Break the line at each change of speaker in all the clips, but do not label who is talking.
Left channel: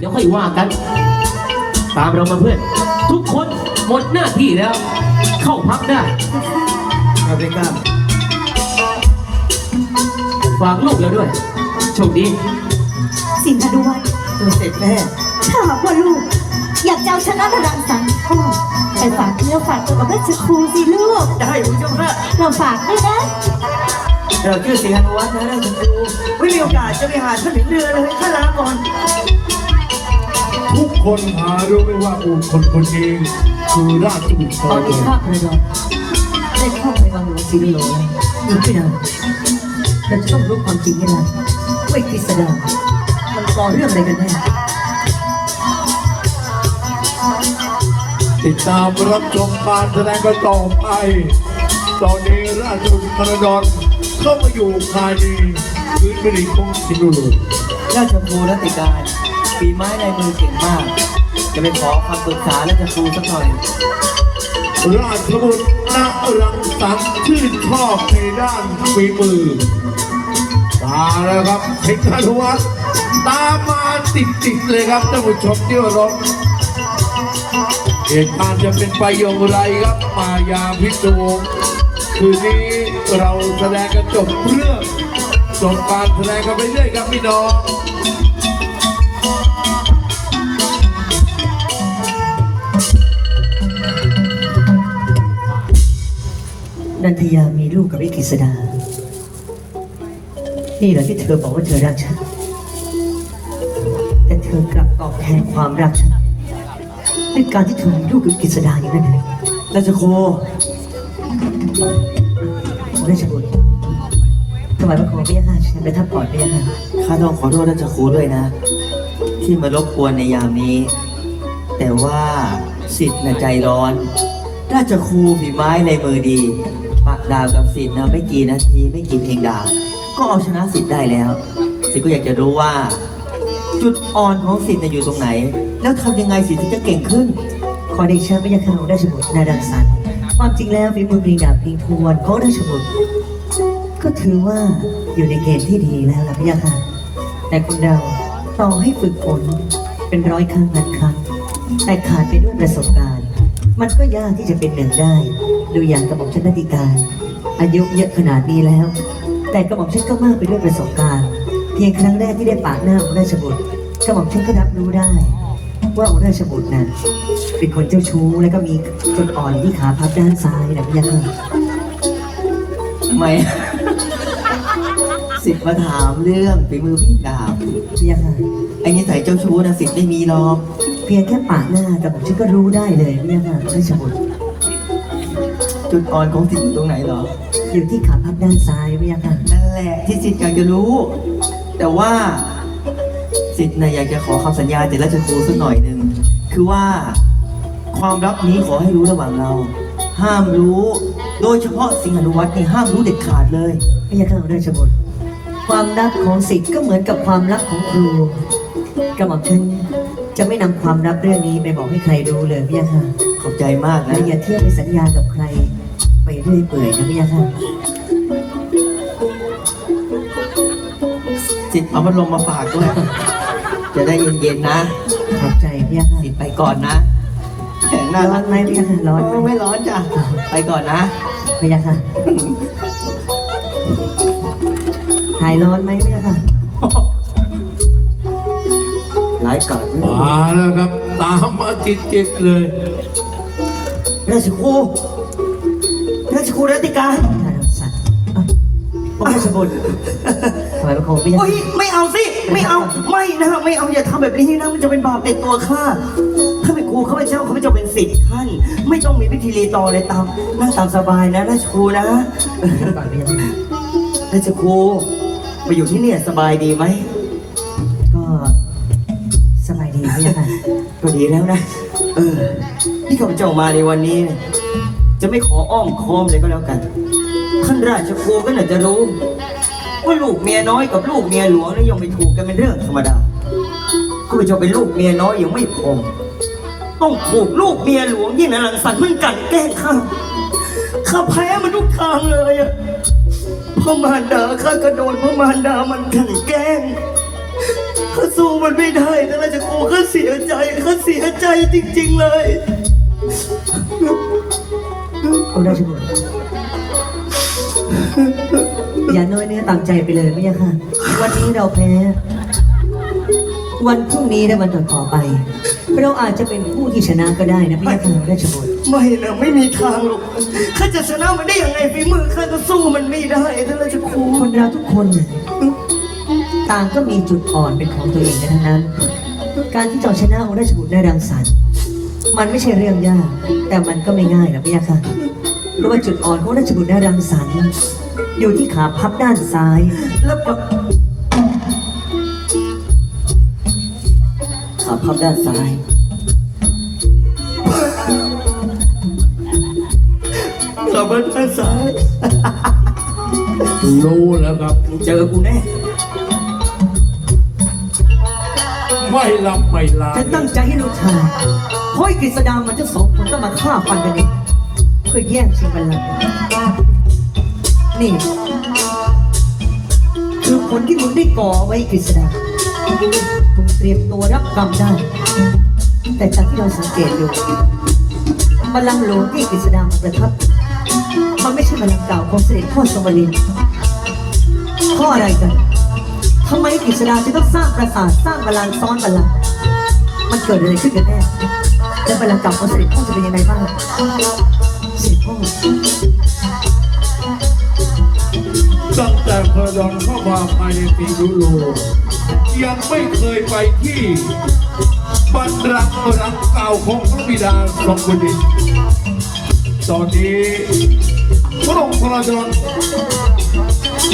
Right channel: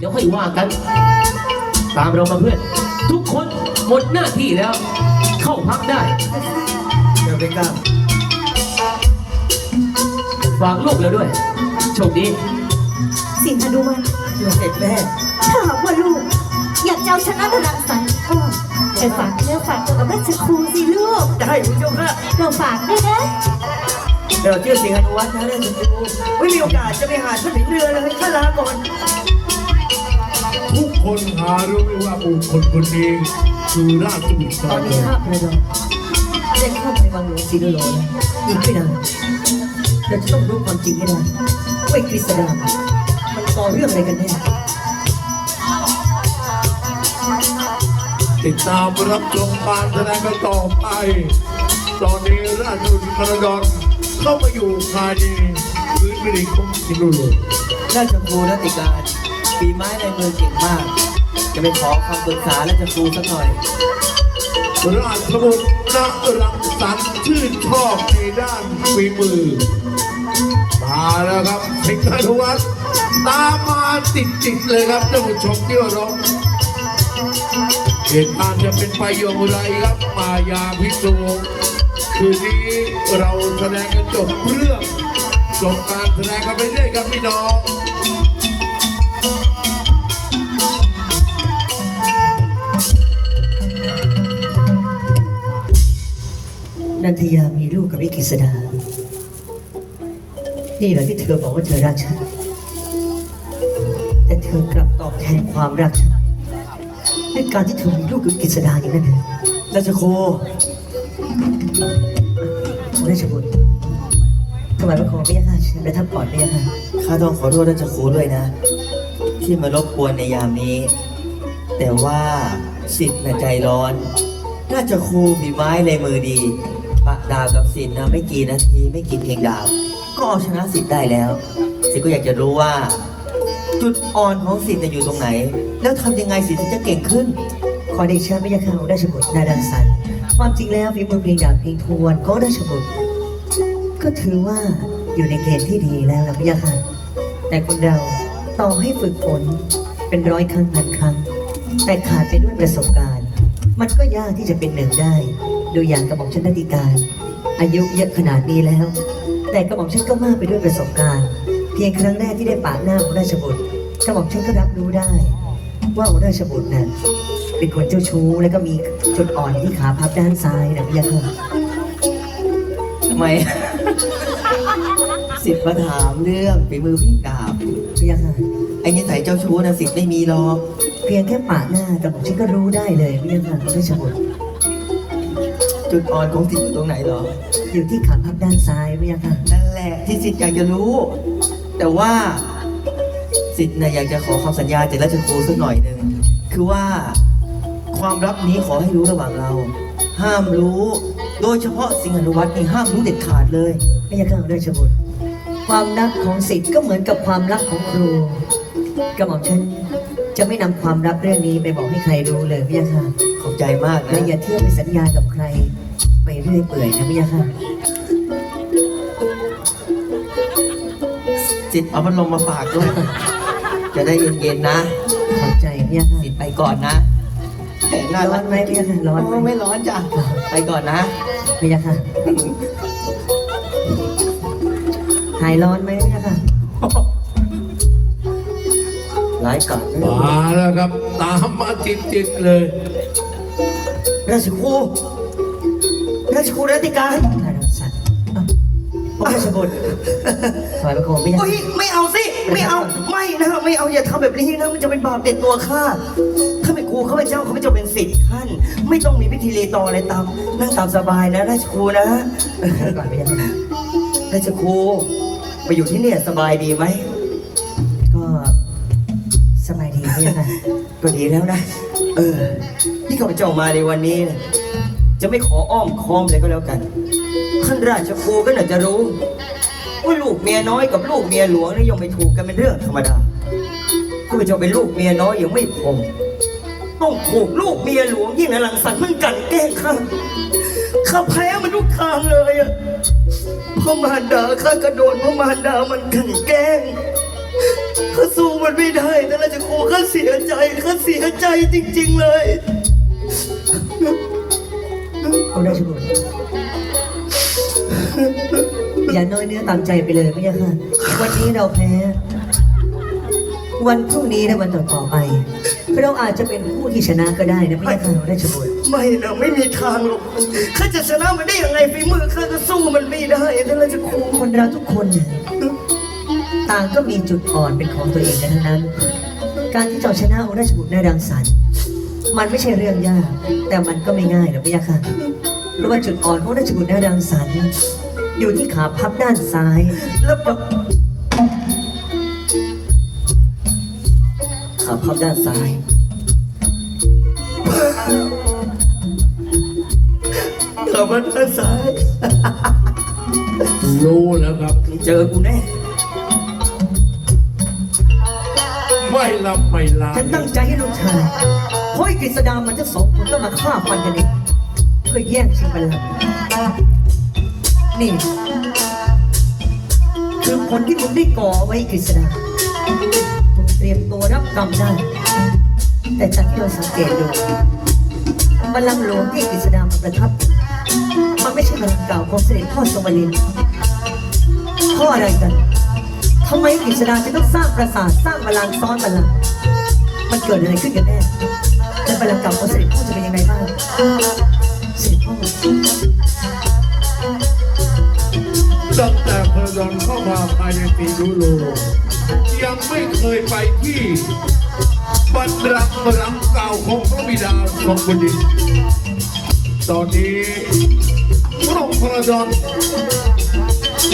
เดี๋ยวค่อยว่ากัน ตามเรามาเพื่อน ทุกคนหมดหน้าที่แล้ว เข้าพักได้
อย่าไปกล้า
ฝากลูกแล้วด้วย โชคดี
สิงหาดุวัน
ตัวเสร็จแม่
ถ้าหากว่าลูก อยากจะเอาชนะระดังสันก็ไปฝากเนื้อฝากตัวกับราชครูสิลูก
ได้คุณเจ้าค่ะ
เราฝากด้วยนะ
เดี๋ยวชื่อสิงหานุวัฒน์นะราชครูไม่มีโอกาสจะไปหาท่านถึงเรือเลยข้าลาก่อน
ทุก คนหารู้ไหมว่าบุคคลคนนี้คือราชบุตร
ตอนนี้ข้าพระนองได้ข้าไปวังหลวงศรีโลแล้วอีกไม่นานเราจะต้องรู้ความจริงให้ได้ว่าไอ้กฤษดามันก่อเรื่องอะไรกันแน่
ติดตามรับชมการแสดงกันต่อไป ตอนนี้ราชบุตรธนดรเข้ามาอยู่ภายในพื้นแผ่นดินของสิงห์บุรี
ราชครูรัติการ ฝีไม้ลายมือเก่งมาก จะไปขอคำปรึกษาราชครูสักหน่อย
ราชบุตรณรังสรรค์ชื่นชอบในด้านฝีมือ มาแล้วครับสิงหานุวัฒน์ตามมาติดๆเลยครับท่านผู้ชมที่เคารพเหตุการณ์จะเป็นไปอย่างไรครับ มายาพิศวงคืนนี้เราแสดงกันจบเรื่องจบการแสดงกันไปเรื่อยครับพี่น้อง
นันทยามีลูกกับไอ้กฤษดา นี่แหละที่เธอบอกว่าเธอรักฉัน แต่เธอกลับตอบแทนความรักฉันด้วยการที่เธอมีลูกกับกฤษดาอย่างนั้นเลยราชโคราชบุตรถวายพระโคพระยาค่ะเชิญไปทับก่อนพระยาค่ะ
ข้าต้องขอโทษราชครูด้วยนะ ที่มารบกวนในยามนี้ แต่ว่าสิทธิ์น่ะใจร้อน ราชครูฝีไม้ในมือดี ดาบกับสิทธิ์นะไม่กี่นาทีไม่กี่เพลงดาบก็เอาชนะสิทธิ์ได้แล้ว สิทธิ์ก็อยากจะรู้ว่า จุดอ่อนของสิทธิ์น่ะอยู่ตรงไหน แล้วทำยังไงสิทธิ์ถึงจะเก่งขึ้น
ขอได้เชิญพระยาค่ะของราชบุตรนาดังสันความจริงแล้วฝีมือเพลงดาบเพลงทวนของราชบุตรก็ถือว่าอยู่ในเกณฑ์ที่ดีแล้วล่ะพระยาค่ะแต่คนเราต่อให้ฝึกฝนเป็นร้อยครั้งพันครั้ง แต่ขาดไปด้วยประสบการณ์ มันก็ยากที่จะเป็นหนึ่งได้ ดูอย่างกระหม่อมชันนาติการ อายุเยอะขนาดนี้แล้ว แต่กระหม่อมชันก็มากไปด้วยประสบการณ์ เพียงครั้งแรกที่ได้ปากหน้าของราชบุตรกระหม่อมชันก็รับรู้ได้ ว่าองค์ราชบุตรน่ะเป็นคนเจ้าชู้แล้วก็มีจุดอ่อนที่ขาพับด้านซ้ายนะพี่ยักษ์
ทำไม สิทธิ์มาถามเรื่องฝีมือเพลงดาบ
พี่ยักษ์
ไอ้นิสัยเจ้าชู้นะสิทธิ์ไม่มีหรอก
เพียงแค่ปากหน้าแต่ผมฉันก็รู้ได้เลยพี่ยักษ์ราชบุตร
จุดอ่อนของสิทธิ์อยู่ตรงไหนเหรอ
อยู่ที่ขาพับด้านซ้ายพี่ยักษ์
นั่นแหละที่สิทธิ์อยากจะรู้ แต่ว่าสิทธิ์นะอยากจะขอคำสัญญาจากราชครูสักหน่อยหนึ่งคือว่าความลับนี้ขอให้รู้ระหว่างเรา ห้ามรู้ โดยเฉพาะสิงหานุวัตรนี่ห้ามรู้เด็ดขาดเลย
พี่ยักษ์ราชบุตรความลับของศิษย์ก็เหมือนกับความลับของครูกระหม่อมฉันจะไม่นำความลับเรื่องนี้ไปบอกให้ใครรู้เลยพี่ยักษ์
ขอบใจมาก
และ
นะ
อย่าเที่ยวไปสัญญากับใคร ไปเรื่อยเปื่อยนะพี่ยักษ์
สิทธิ์เอาพัดลมมาฝากด้วย จะได้เย็นๆนะ
ขอบใจพี่ยักษ์
สิทธิ์ไปก่อนนะแหมน่า
ร้อ
รั
น
ก
ไหมพี่ยักษ์ร้อนไหม
ไม่ร้อนจ้ะ ไปก่อนนะ
พี่ยักษ์หายร้อนไหมพี่ยักษ์
ร้ายกาจนะ
มาแล้วครับ ตามมาติดๆเลย
ราชครู ราชครูรัติการ
ถ่ายรถสัตว์เอ้าผมราชบุตรถวายพระโคมพี่ยัก
โอ้ย
ษ์
ไม่เอาสิ ไม่เอา ไม่นะไม่เอาอย่าทำแบบนี้นะ มันจะเป็นบาปติดตัวข้า ถ้าเป็นครูเขาเป็นเจ้าเขาไม่จะเป็นสิทธิ์ท่าน ไม่ต้องมีพิธีรีตองอะไรตามนั่งตามสบายนะราชครูนะ
ก่อนพี่ยักษ์
ราชครูมาอยู่ที่เนี่ยสบายดีไหม
ก็สบายดีพี่ยักษ์
ก็ดีแล้วนะ เออที่ข้าพเจ้ามาในวันนี้เนี่ย จะไม่ขออ้อมค้อมเลยก็แล้วกัน ท่านราชครูก็น่าจะรู้ ว่าลูกเมียน้อยกับลูกเมียหลวงนี่ยังไม่ถูกกันเป็นเรื่องธรรมดาข้าพเจ้าเป็นลูกเมียน้อยยังไม่พอต้องถูกลูกเมียหลวงยิ่งนะหลังสันมันกันแกล้งข้าข้าแพ้มันทุกทางเลยอะพ่อมารดาข้าก็โดนพ่อมารดามันกลันแกล้งข้าสู้มันไม่ได้แต่ราชโคข้าาเสียใจข้าเสียใจจริง ๆเลย
องค์ราชบุตรอย่าน้อยเนื้อต่ำใจไปเลยไม่ใช่ค่ะ วันนี้เราแพ้ วันพรุ่งนี้และวันต่อๆไป เราอาจจะเป็นผู้ที่ชนะก็ได้นะไม่ใช่ค่ะราชบุตร
ไม่นะไม่มีทางหรอกข้าจะชนะมันได้ยังไงฝีมือข้าก็สู้มันไม่ได้ท่านราชครู
คนเราทุกคนเนี่ยต่างก็มีจุดอ่อนเป็นของตัวเองกันทั้งนั้น การที่จะเอาชนะองค์ราชบุตรได้รังสรรค์มันไม่ใช่เรื่องยาก แต่มันก็ไม่ง่ายหรอกพี่ยาค่ะ เพราะว่าจุดอ่อนของราชบุตรได้รังสรรค์อยู่ที่ขาพับด้านซ้าย
แล้วปะขาพับด้านซ้าย ขาพับด้านซ้าย
รู้แล้วครับ
เจอกูแน่
ไม่ลำไม่ลา
ฉันตั้งใจให้ลูกชายเพราะไอ้กฤษดามันทั้งสองคนต้องมาฆ่าฟันกันเอง เพื่อแย่งชิงบัลลังก์นี่ คือผลที่มึงได้ก่อไว้กฤษดามึงเตรียมตัวรับกรรมได้ แต่จากที่เราสังเกตดูบัลลังก์หลวงที่กฤษดามาประทับ มันไม่ใช่บัลลังก์เก่าของเสด็จพ่อสวรินทร์ข้ออะไรกันทำไมกฤษดาจะต้องสร้างปราสาทสร้างบัลลังก์ซ้อนบัลลังก์มันเกิดอะไรขึ้นกันแน่และบัลลังก์เก่าของเสด็จพ่อจะเป็นยังไงบ้าง
ตั้งแต่พระดอนเข้ามาภายในปีนุโล ยังไม่เคยไปที่บันรักรังเก่าของพระบิดาทรงบุดินตอนนี้พระองค์พระดอน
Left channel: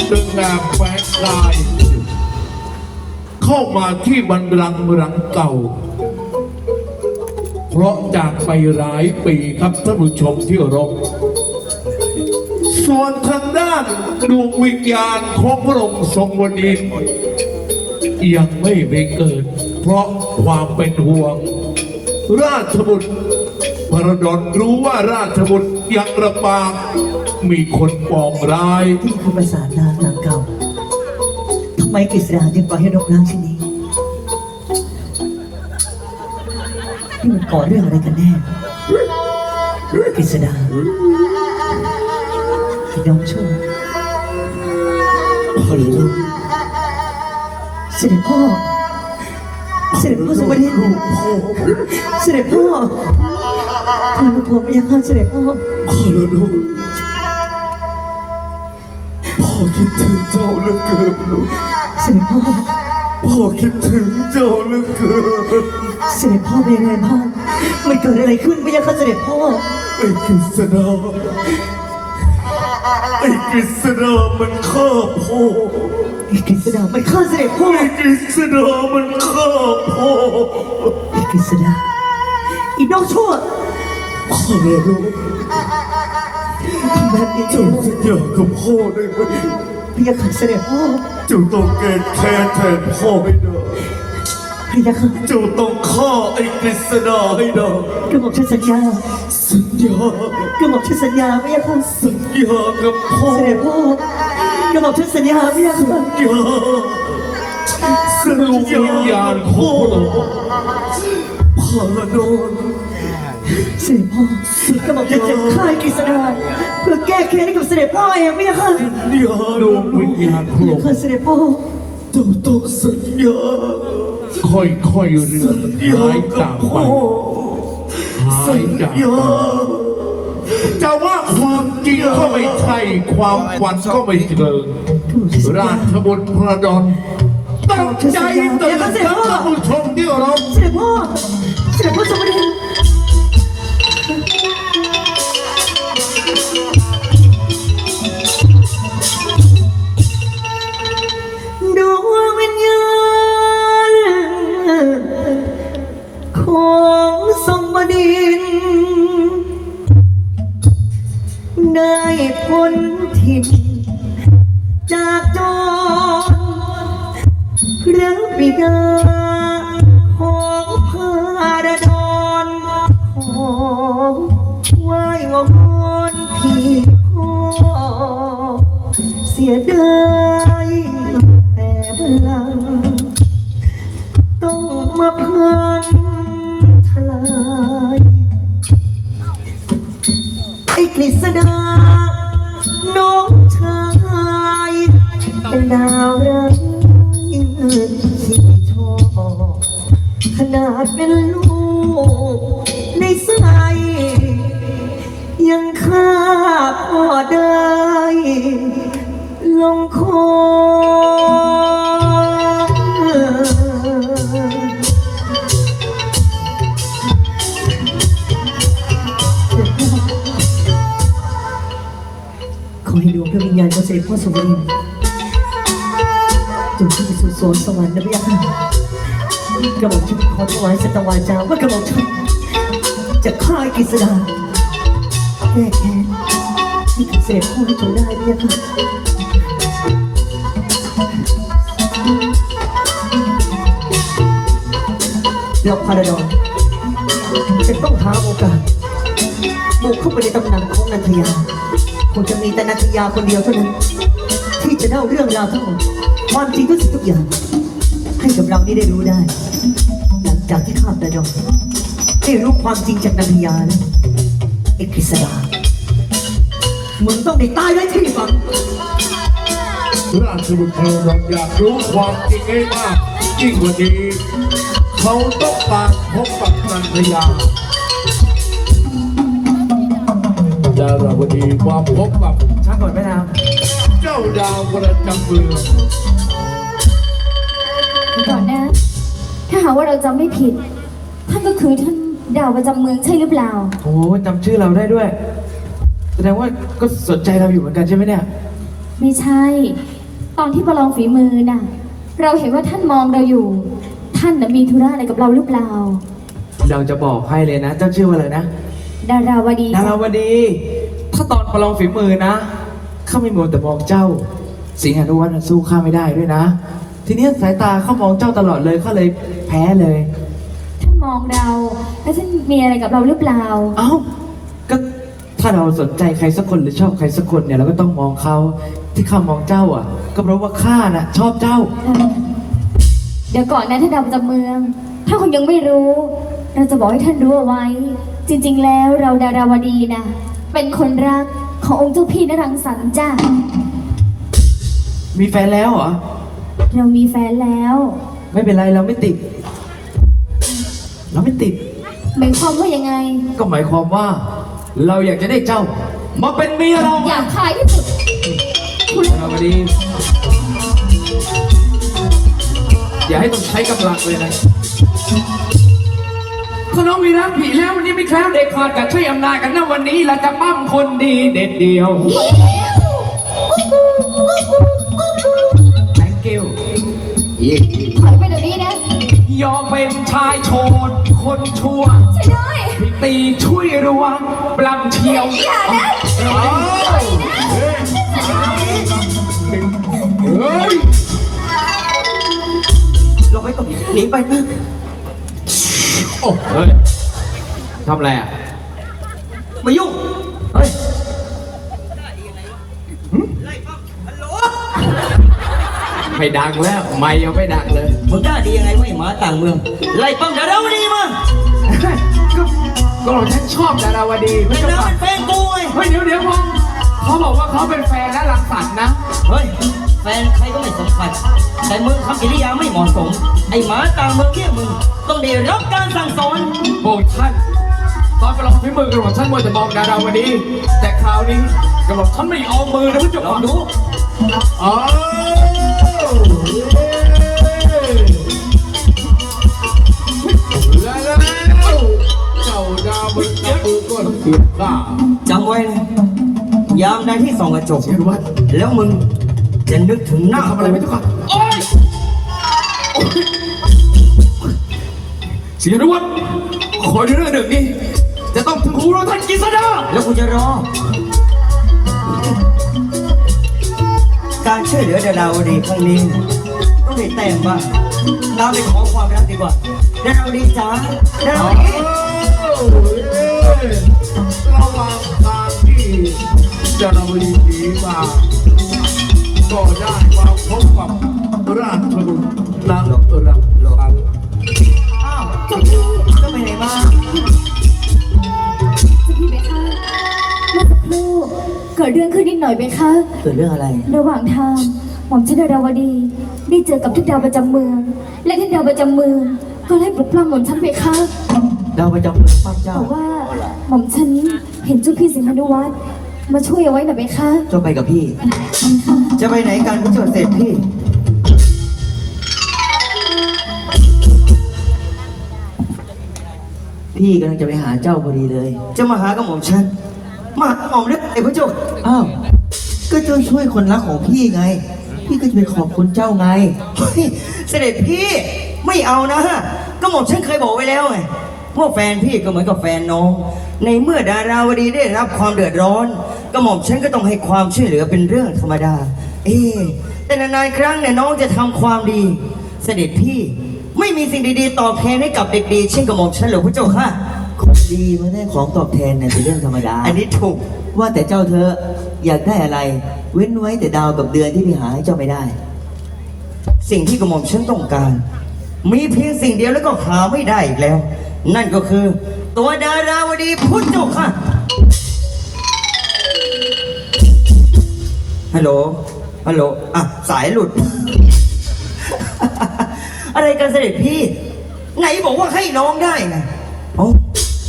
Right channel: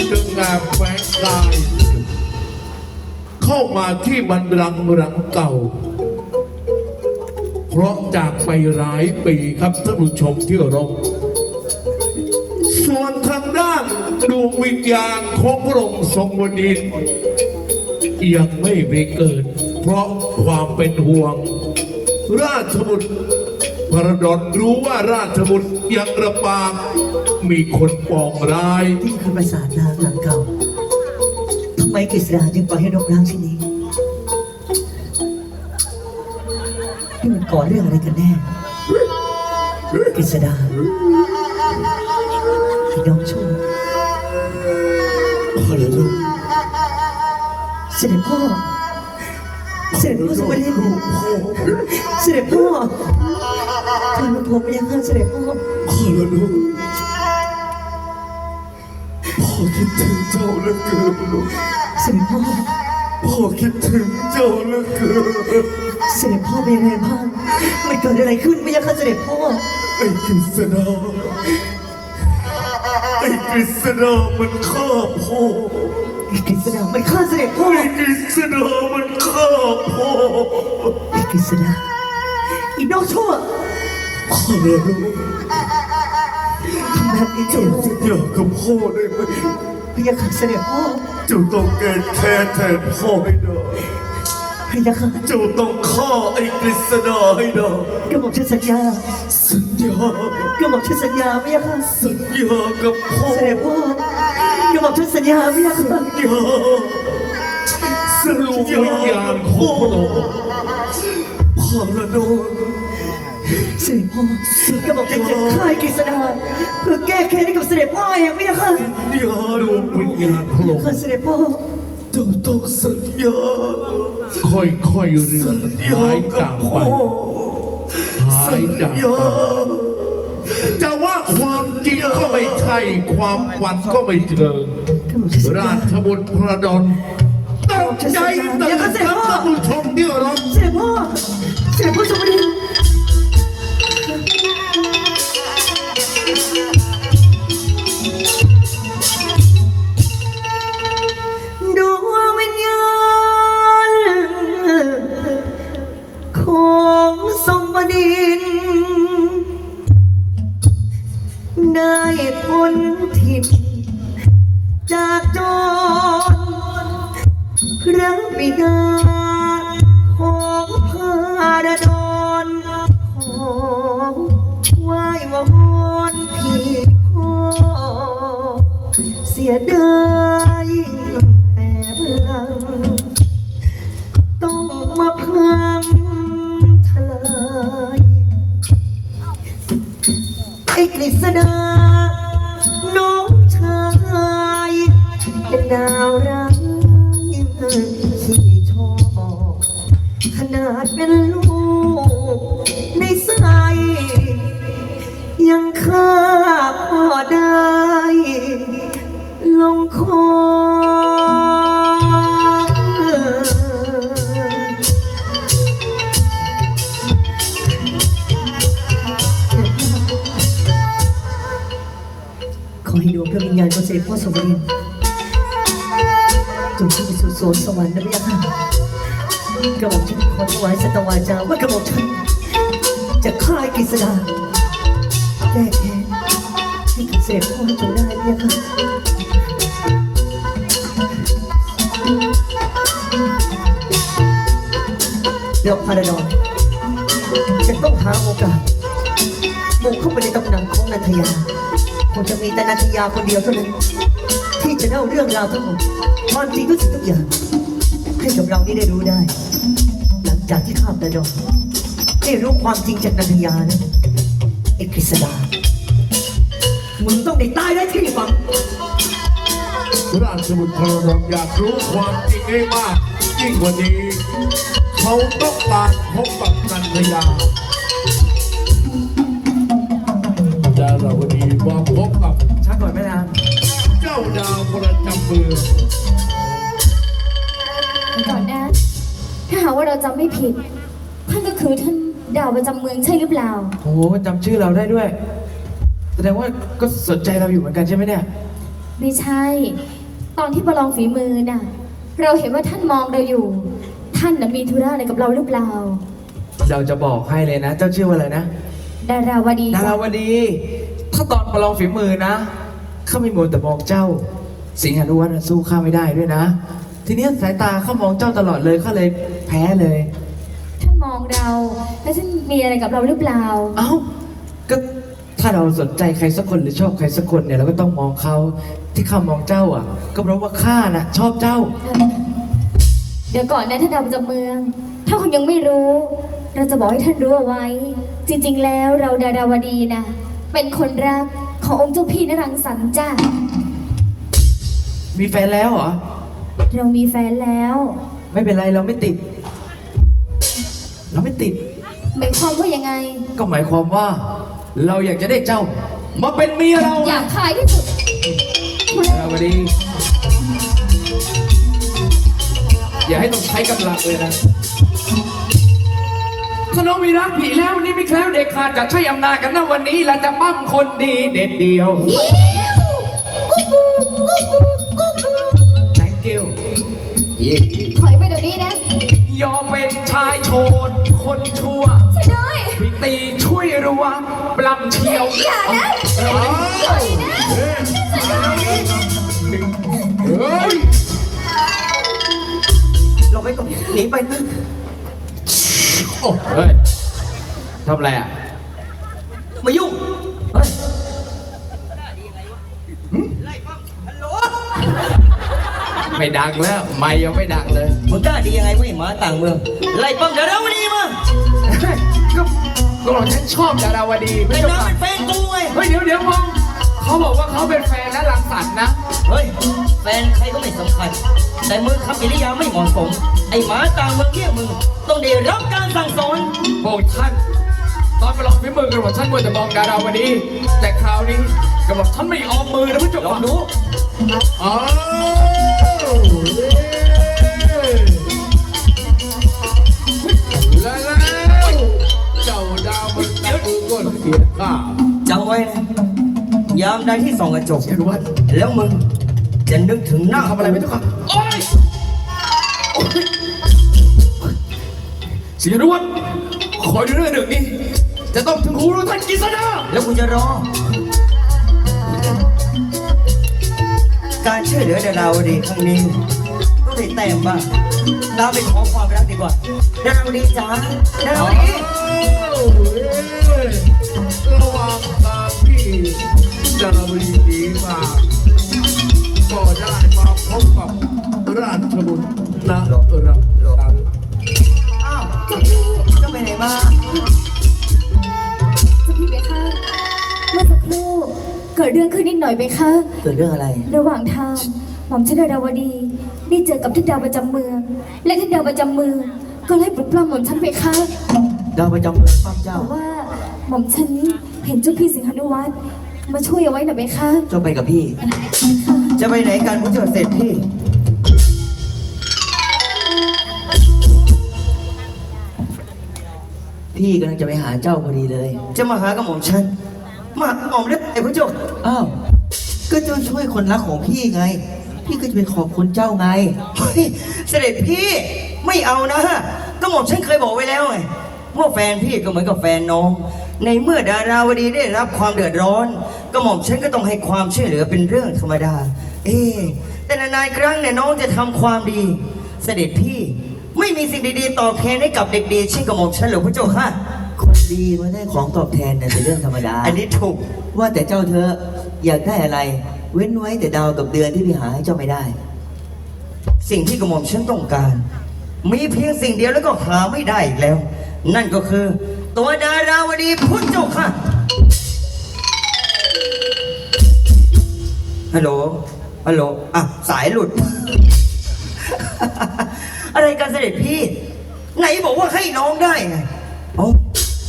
จึงแอบแฝงกายเข้ามาที่บันรังรังเก่า เพราะจากไปหลายปีครับท่านผู้ชมที่เคารพ ส่วนทางด้านดวงวิญญาณของพระองค์ทรงวดินยังไม่ไปเกิด เพราะความเป็นห่วง ราชบุตรพระดอนรู้ว่าราชบุตรยังระบาดมีคนปองร้าย
ที่คือปราสาทล้างหลังเก่าทำไมกฤษดาจึงปล่อยให้รกร้างเช่นนี้นี่มันก่อเรื่องอะไรกันแน่กฤษดา ด็จพ่อ เสด็จพ่อสวัสดีเสด็จพ่อท่านผมยังข้าเสด็จพ่อ
พอแล้วลูกพ่อคิดถึงเจ้าเหลือเกินลูก
เสด็จพ่อ
พ่อคิดถึงเจ้าเหลือเกิน
เสด็จพ่อเป็นยังไงบ้างมันเกิดอะไรขึ้นพะยะค่ะเสด็จพ่อ
ไอ้กฤษณาไอ้กฤษณามันฆ่าพ่อ
ไอ้กฤษดามันฆ่าเสด็จพ่อ
ไอ้กฤษณามันฆ่าพ่อ
ไอ้กฤษดาอีน้องชั่ว
พ่อไม่รู้
ทำแบบนี้
เจ้า
เจ้า
สัญญากับพ่อได้ไหม
พะยะค่ะเสด็จพ่อ
เจ้าต้องแก้แค้นแทนพ่อให้ได้
พะยะค่ะ
เจ้าต้องฆ่าไอ้กฤษณาให้ได้
กระหม่อมฉันสัญญา
สัญญาก
ระหม่อมฉันสัญญาพะยะค่ะ
สัญญากับพ่อ
เสด็จพ่อก ระหม่อมฉันสัญญาพะยะค่ะ
สัญญาสัญญาของพ่อพ่อละโดน
เสด็จพ่อกระหม่อมฉันจะฆ่าไอ้กฤษดาเพื่อแก้แค้นให้กับเสด็จพ่อเองพะยะค่ะ
อย่าดวงวิญญาณพระองค์
ข้าเสด็จพ่อ
เจ้าต้องสัญญาค่อยๆเรื่องหายจากไปหายจากไป จะว่าความจริงก็ไม่ใช่ ความฝันก็ไม่เชิง
กระหม่อมฉันสัญ
รา
ญา
ชบุตรพระดอนตั้งใจเตือนท่านผู้ชมที่เคารพ
เสด็จพ่อเสด็จพ่อสวัสดีด ไอ้กฤษดาน้องชายเป็นดาวร้ายที่ชอบขนาดเป็น นสวสวรรค์นะพี่ยาค่ะกระหม่อมฉันขอถวายสตวาจาว่ากระหม่อมฉันจะฆ่าไอ้กฤษดาแก้แค้นที่กับเสด็จพ่อให้จงได้พี่ยาค่ะเราพาราดอนจะต้องหาโอกาสบุกเข้าไปในตำหนักของนันทยาคงจะมีแต่นันทยาคนเดียวเท่านั้น ที่จะเล่าเรื่องราวทั้งหมด ความจริงทุกสิ่งทุกอย่าง ให้กับเรานี่ได้รู้ได้ หลังจากที่ข้าตาดองได้รู้ความจริงจากนันทยาแล้วเอกฤษดามึงต้องได้ตายไว้ที่ฝัง
ราชบุตรพลนนท์อยากรู้ความจริงให้มากยิ่งกว่านี้เขาต้องการพบกับนันทยาดาราวดีมาพบกับ
ช้าก่อนแม่นาง
เจ้าดาวประจำเมือง
ก่อนนะ ถ้าหากว่าเราจำไม่ผิด ท่านก็คือท่านดาวประจำเมืองใช่หรือเปล่า
โอ้จำชื่อเราได้ด้วย แสดงว่าก็สนใจเราอยู่เหมือนกันใช่ไหมเนี่ย
ไม่ใช่ ตอนที่ประลองฝีมือน่ะ เราเห็นว่าท่านมองเราอยู่ ท่านน่ะมีธุระอะไรกับเราหรือเปล่า
เราจะบอกให้เลยนะ เจ้าชื่อว่าอะไรนะ
ดาราวดี
ดาราวดี ถ้าตอนประลองฝีมือนะ ข้าไม่มัวแต่มองเจ้า สิงหานุวัฒน์น่ะสู้ข้าไม่ได้ด้วยนะ ทีเนี้ยสายตาเข้ามองเจ้าตลอดเลยข้าเลยแพ้เลย
ท่านมองเราแล้วท่านมีอะไรกับเราหรือเปล่า
เอ้า ก็ถ้าเราสนใจใครสักคนหรือชอบใครสักคนเนี่ยเราก็ต้องมองเขาที่ข้ามองเจ้าอะ ก็เพราะว่าข้าน่ะชอบเจ้า
เดี๋ยวก่อนนะท่านดาวประจำเมือง ถ้าคุณยังไม่รู้ เราจะบอกให้ท่านรู้เอาไว้ จริง ๆ แล้วเราดาราวดีนะ เป็นคนรักขององค์เจ้าพี่นรังสรรค์จ้า
มีแฟนแล้วเหรอ
เรามีแฟนแล้ว
ไม่เป็นไรเราไม่ติด เราไม่ติด
หมายความว่ายังไง
ก็หมายความว่า เราอยากจะได้เจ้า มาเป็นเมียเรา
อ
ไง
ยากขายที่สุดคุณ
ดาราวดี อย่าให้ต้องใช้กำลังเลยนะถ้าน้องมีรักผีแล้ววันนี้ไม่แคล้วเด็กขาดจะใช้อำนาจกันนะวันนี้เราจะปั้มคนดีเด็ดเดียว thank
ย
อมเป็นชายโฉดคนชั่ว
ใช่ด้วย
พี่ตีช่วยรัวปลำเชียว
อย่านะ
อ้าวเฮ้ยเฮ้ย
เราไม่ต้องหนีไปนะ
โอ้
เฮ้ยทำอะไรอะ
มายุ่ง เฮ้ย
ไม่ดังแล้ว ไม่ยังไม่ดังเลย
มึงกล้าดียังไงไม่หมาต่างเมืองไล่ปั้มดาราวดีมา
ก็ก็เราฉันชอบดาราวดี
ไอ้
ไม่ต้อง
น้า
การ
เป็นแฟนกูไง
เฮ้ยเดี๋ยวเดี๋ยวผมเขาบอกว่าเขาเป็นแฟนและรังสรรค์นะ
เฮ้ยแฟนใครก็ไม่สำคัญ แต่มึงทำกิริยาไม่เหมาะสม ไอ้หมาต่างเมืองเรียกมึงต้องได้รับการสั่งสอน
โอ้ท่านตอนไปลองพิมือกันหมดท่านมัวแต่มองดาราวดี แต่คราวนี้กระบอกท่านไม่เอามือนะพี่จุ๊
ลองดู
อ้าวและแล้วเจ้าดาวประจำเมืองก็เสียข้า
จำไว้นะยามใดที่ส่องกระจก
เสียนวัด
แล้วมึงจะนึกถึงหน้า
ทำอะไรไม่ต้องโอ๊ยโอ๊ยเสียนวัดขอเรื่องหนึ่งนี้ จะต้องถึงหูรู้ท่านกิษดา
แล้วกูจะรอ การช่วยเหลือเดาราวดีครั้งนี้ต้องให้แต้มบ้างเราไปขอความรักดีกว่าดาราวดีจ๋าดาราวดี
ระหว่างทางที่จารวีหนีมา
หน่อยไหมคะ
เกิดเรื่องอะไร
ระหว่างทางหม่อมชนดาวดี ได้เจอกับท่านดาวประจำเมือง และท่านดาวประจำเมืองก็ไล่ปลุกปล้ำหม่อมฉันไปค่ะ
ดาวประจำเมืองป้าเจ้า
บอกว่าหม่อมฉันเห็นเจ้าพี่สิงหานุวัฒน์มาช่วยเอาไว้หน่อยไหมคะ
เจ้าไปกับพี่
จะไปไหนกันพระเจ้าเสร็จพี่
พี่กำลังจะไปหาเจ้าพอดีเลย
จะมาหากระหม่อมฉัน มาหากระหม่อมเล็กไอ้พระเจ้า
อ้าว ก็เจ้าช่วยคนรักของพี่ไง พี่ก็จะไปขอบคุณเจ้าไง
เฮ้ยเสด็จพี่ไม่เอานะกระหม่อมฉันเคยบอกไว้แล้วไงว่าแฟนพี่ก็เหมือนกับแฟนน้อง ในเมื่อดาราวดีได้รับความเดือดร้อนกระหม่อมฉันก็ต้องให้ความช่วยเหลือเป็นเรื่องธรรมดา เอ๊ะแต่นานๆครั้งเนี่ยน้องจะทำความดี เสด็จพี่ไม่มีสิ่งดีๆตอบแทนให้กับเด็กดีเช่นกระหม่อมฉันหรอพระเจ้าค่ะ
คนดีมาได้ของตอบแทนเนี่ยเป็นเรื่องธรรมดา
อันนี้ถูก
ว่าแต่เจ้าเธออยากได้อะไร เว้นไว้แต่ดาวกับเดือนที่พี่หาให้เจ้าไม่ได้
สิ่งที่กระหม่อมฉันต้องการ มีเพียงสิ่งเดียวแล้วก็หาไม่ได้อีกแล้ว นั่นก็คือ ตัวดาราวดีพุทธเจ้าค่ะฮัลโหลฮัลโหลอะสายหลุด อะไรกันเสด็จพี่ ไหนบอกว่าให้น้องได้ไงเอ้า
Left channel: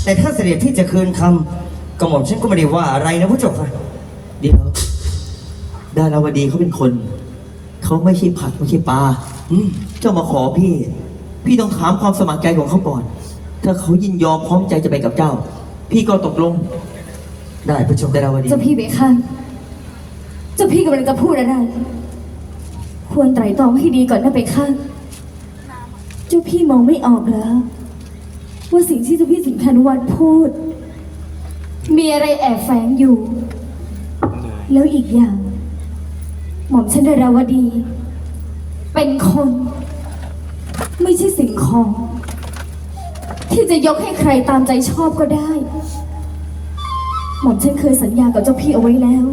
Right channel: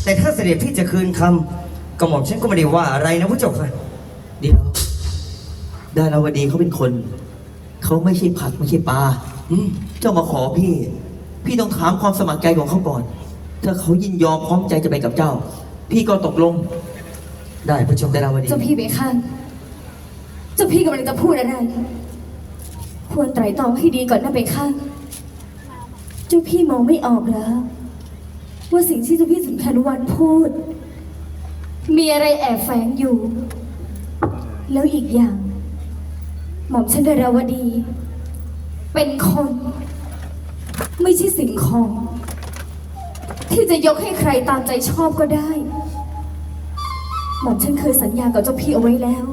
แต่ถ้าเสด็จพี่จะคืนคำกระหม่อมฉันก็ไม่ได้ว่าอะไรนะพุทธเจ้าค่ะ
เดี๋ยวดาราวดีเขาเป็นคน เขาไม่ใช่ผักไม่ใช่ปลา
อืม
เจ้ามาขอพี่ พี่ต้องถามความสมัครใจของเขาก่อน ถ้าเขายินยอมพร้อมใจจะไปกับเจ้า พี่ก็ตกลง
ได้พระเจ้า
ดาราวดี
เจ้าพี่ไปค่ะเจ้าพี่กำลังจะพูดอะไร ควรไตร่ตรองให้ดีก่อนนะไปค่ะเจ้าพี่มองไม่ออกแล้ว ว่าสิ่งที่เจ้าพี่สิงคันวันพูด มีอะไรแอบแฝงอยู่ แล้วอีกอย่าง หม่อมชันดาราวดี เป็นคน ไม่ใช่สิ่งของ ที่จะยกให้ใครตามใจชอบก็ได้ หม่อมฉันเคยสัญญากับเจ้าพี่เอาไว้แล้ว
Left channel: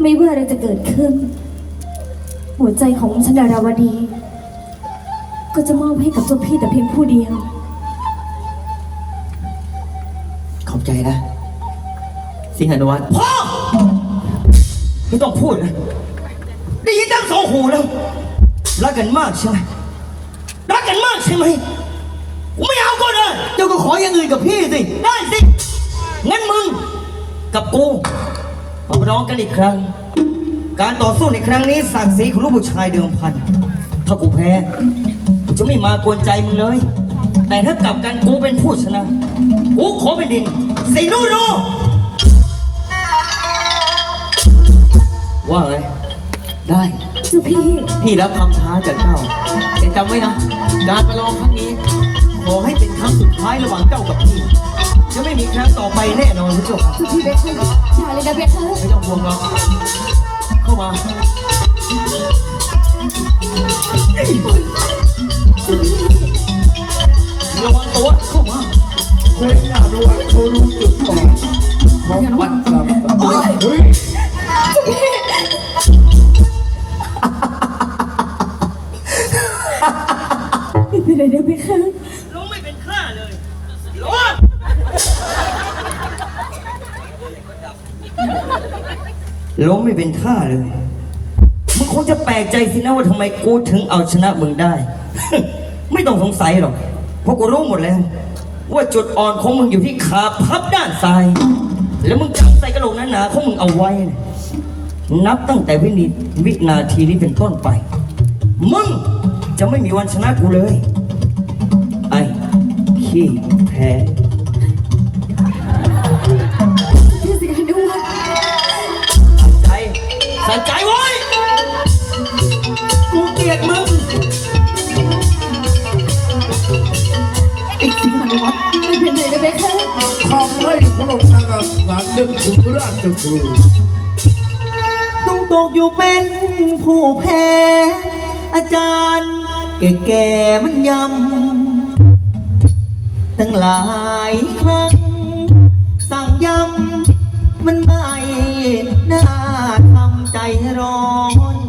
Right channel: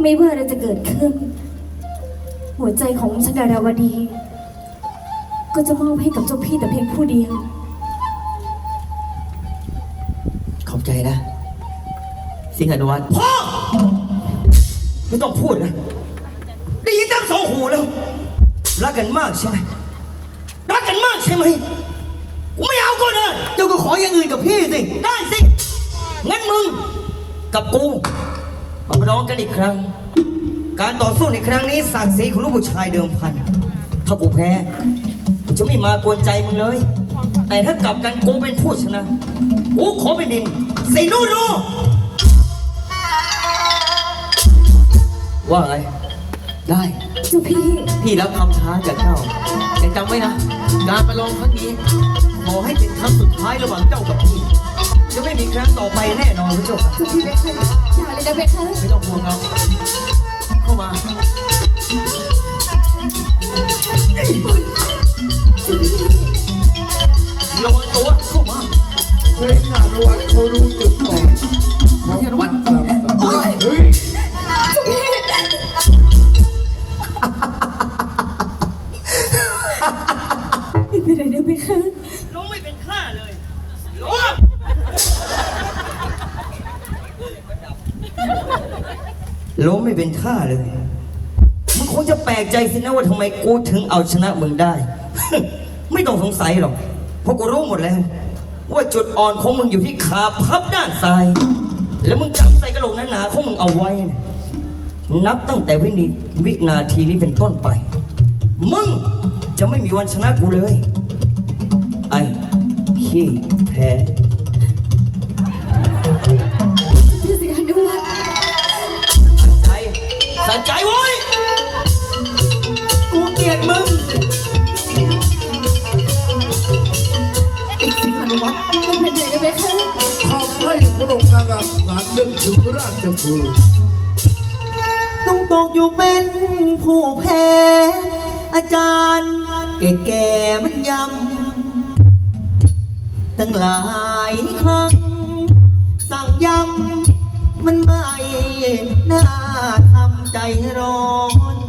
ไม่ว่าอะไรจะเกิดขึ้น หัวใจของหม่อมฉันดาราวดี ก็จะมอบให้กับเจ้าพี่แต่เพียงผู้เดียว
สิงหานุวัฒน์
พ่อไม่ต้องพูดนะได้ยินทั้งสองหูแล้ว รักกันมากใช่ไหมรักกันมากใช่ไหมกูไม่เอาก็ได้
เจ้าก็ขออย่างอื่นกับพี่สิ
ได้สิ งั้นมึง กับกูมาร้องกันอีกครั้ง การต่อสู้ในครั้งนี้ศักดิ์ศรีของลูกผู้ชายเดิมพัน ถ้ากูแพ้กูจะไม่มากวนใจมึงเลย แต่ถ้ากลับกันกูเป็นผู้ชนะ กูขอเป็นดินสินูรู ว่าไง
ได้
เจ้าพี่
พี่รับคำท้าจากเจ้า แต่จำไว้นะการประลองครั้งนี้ขอให้เป็นครั้งสุดท้ายระหว่างเจ้ากับพี่
จะไม่มีครั้งต่อไปแน่นอนผู้ชม
เจ้าพี่เบคค่ะอย่าเลยนะเบคค่ะ
ไม่ต้องห่วงหรอกเข้ามา
ง
ค
งจะแปลกใจสินะว่าทำไมกูถึงเอาชนะมึงได้ ไม่ต้องสงสัยหรอก เพราะกูรู้หมดแล้ว ว่าจุดอ่อนของมึงอยู่ที่ขาพับด้านซ้าย แล้วมึงจับใส่กระโหลกหนาๆของมึงเอาไว้นะนับตั้งแต่วินิวินาทีนี้เป็นต้นไป มึงจะไม่มีวันชนะกูเลย ไอ้ขี้แพ้
พี่สิงหานุวัฒน์
ใจใส่ใจไว้ย
ให้พระองค์นางสารนึกถึงราชบุตร
ต้องตกอยู่เป็นผู้แพ้ อาจารย์แก่ๆมันยำ ตั้งหลายครั้ง สั่งยำ มันไม่น่าทำใจร้อน